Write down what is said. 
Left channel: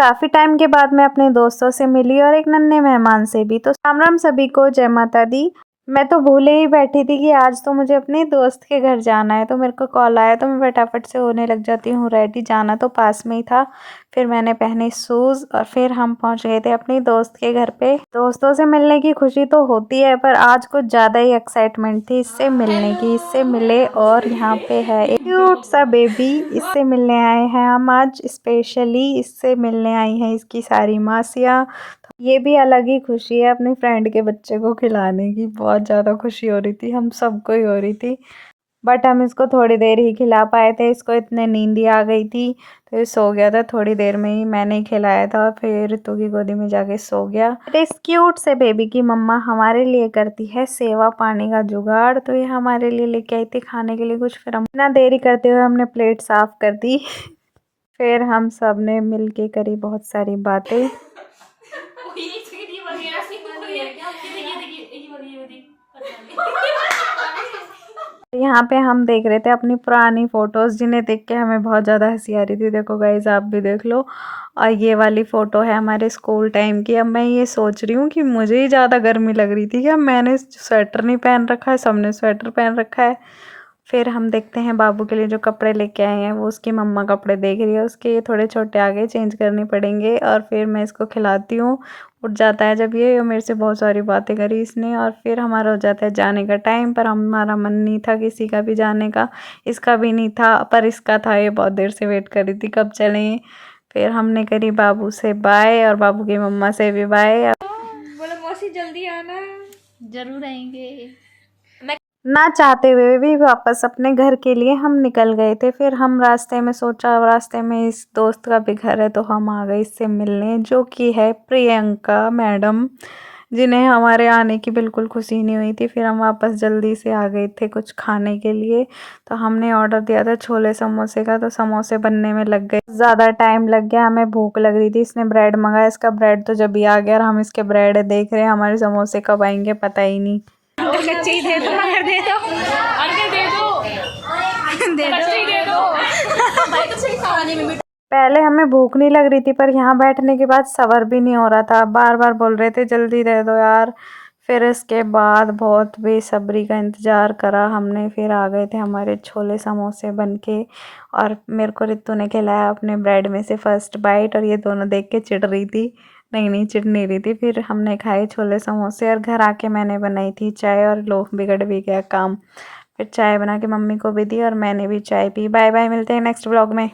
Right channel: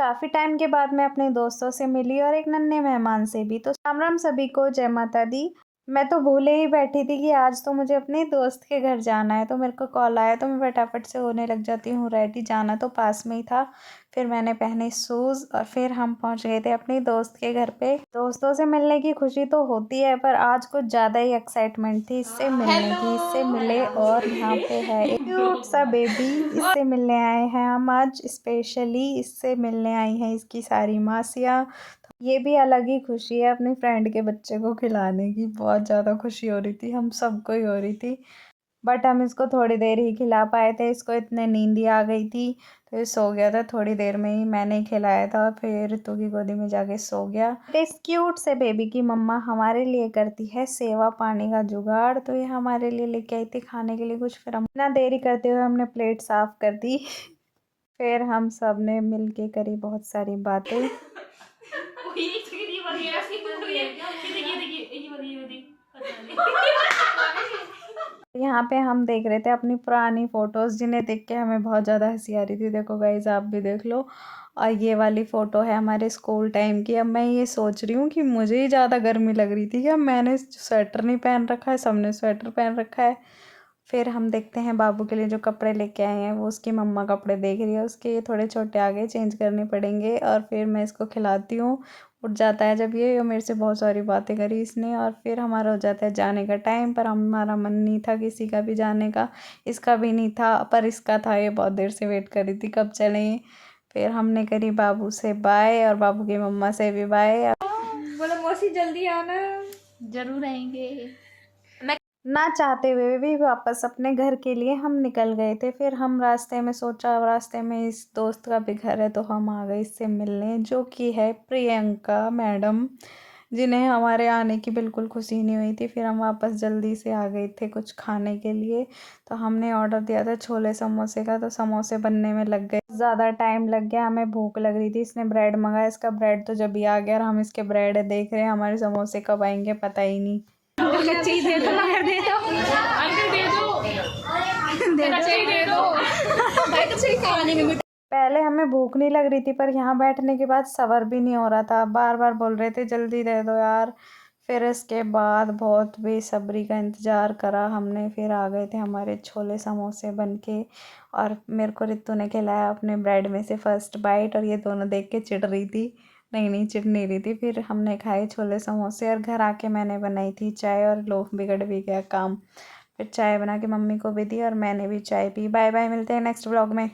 काफ़ी टाइम के बाद मैं अपने दोस्तों से मिली और एक नन्हे मेहमान से भी। तो राम राम सभी को, जय माता दी। मैं तो भूले ही बैठी थी कि आज तो मुझे अपने दोस्त के घर जाना है, तो मेरे को कॉल आया तो मैं फटाफट से होने लग जाती हूँ रेडी। जाना तो पास में ही था। फिर मैंने पहने शूज़ और फिर हम पहुँच गए थे अपनी दोस्त के घर पे। दोस्तों से मिलने की खुशी तो होती है, पर आज कुछ ज़्यादा ही एक्साइटमेंट थी इससे मिलने की। इससे मिले और यहाँ पे है एक क्यूट सा बेबी, इससे मिलने आए हैं हम आज स्पेशली। इससे मिलने आई हैं इसकी सारी मासियाँ। ये भी अलग ही खुशी है अपनी फ्रेंड के बच्चे को खिलाने की। बहुत ज़्यादा खुशी हो रही थी, हम सबको ही हो रही थी। बट हम इसको थोड़ी देर ही खिला पाए थे, इसको इतने नींद ही आ गई थी तो ये सो गया था। थोड़ी देर में ही मैंने ही खिलाया था, फिर रितु की गोदी में जाके सो गया। इस क्यूट से बेबी की मम्मा हमारे लिए करती है सेवा पानी का जुगाड़, तो ये हमारे लिए लेके आई थी खाने के लिए कुछ। फिर हम बिना देरी करते हुए हमने प्लेट साफ कर दी। फिर हम सब ने मिल के करी बहुत सारी बातें। यहाँ पे हम देख रहे थे अपनी पुरानी फ़ोटोज़, जिन्हें देख के हमें बहुत ज़्यादा हँसी आ रही थी। देखो गाइज़, आप भी देख लो। और ये वाली फ़ोटो है हमारे स्कूल टाइम की। अब मैं ये सोच रही हूँ कि मुझे ही ज़्यादा गर्मी लग रही थी कि अब मैंने स्वेटर नहीं पहन रखा है, सबने स्वेटर पहन रखा है। फिर हम देखते हैं बाबू के लिए जो कपड़े लेके आए हैं, वो उसकी मम्मा कपड़े देख रही है उसके। ये थोड़े छोटे आ गए, चेंज करने पड़ेंगे। और फिर मैं इसको खिलाती हूँ। उठ जाता है जब ये मेरे से बहुत सारी बातें करी इसने। और फिर हमारा हो जाता है जाने का टाइम, पर हमारा मन नहीं था किसी का भी जाने का। इसका भी नहीं था, पर इसका था। ये बहुत देर से वेट कर रही थी कब चलें। फिर हमने करी बाबू से बाय और बाबू की मम्मा से भी बाय। बोला मौसी जल्दी आना। जरूर आएंगे। ना चाहते हुए भी वापस अपने घर के लिए हम निकल गए थे। फिर हम रास्ते में सोचा, रास्ते में इस दोस्त का भी घर है, तो हम आ गए इससे मिलने, जो कि है प्रियंका मैडम, जिन्हें हमारे आने की बिल्कुल खुशी नहीं हुई थी। फिर हम वापस जल्दी से आ गए थे कुछ खाने के लिए। तो हमने ऑर्डर दिया था छोले समोसे का, तो समोसे बनने में लग गए ज़्यादा टाइम लग गया। हमें भूख लग रही थी। इसने ब्रेड मंगाया, इसका ब्रेड तो जब ही आ गया और हम इसके ब्रेड देख रहे हैं। हमारे समोसे कब आएंगे पता ही नहीं। कच्ची दे दो, दे दो, दे दो, दे दो। भाई तो सही खाने में पहले हमें भूख नहीं लग रही थी, पर यहाँ बैठने के बाद सब्र भी नहीं हो रहा था। बार बार बोल रहे थे जल्दी दे दो यार। फिर इसके बाद बहुत बेसब्री का इंतज़ार करा हमने। फिर आ गए थे हमारे छोले समोसे बन के। और मेरे को रितु ने खिलाया अपने ब्रेड में से फर्स्ट बाइट, और ये दोनों देख के चिढ़ रही थी। नहीं नहीं, चिढ़ नहीं रही थी। फिर हमने खाए छोले समोसे और घर आके मैंने बनाई थी चाय, और लो बिगड़ भी गया काम। फिर चाय बना के मम्मी को भी दी और मैंने भी चाय पी। बाय बाय, मिलते हैं नेक्स्ट व्लॉग में।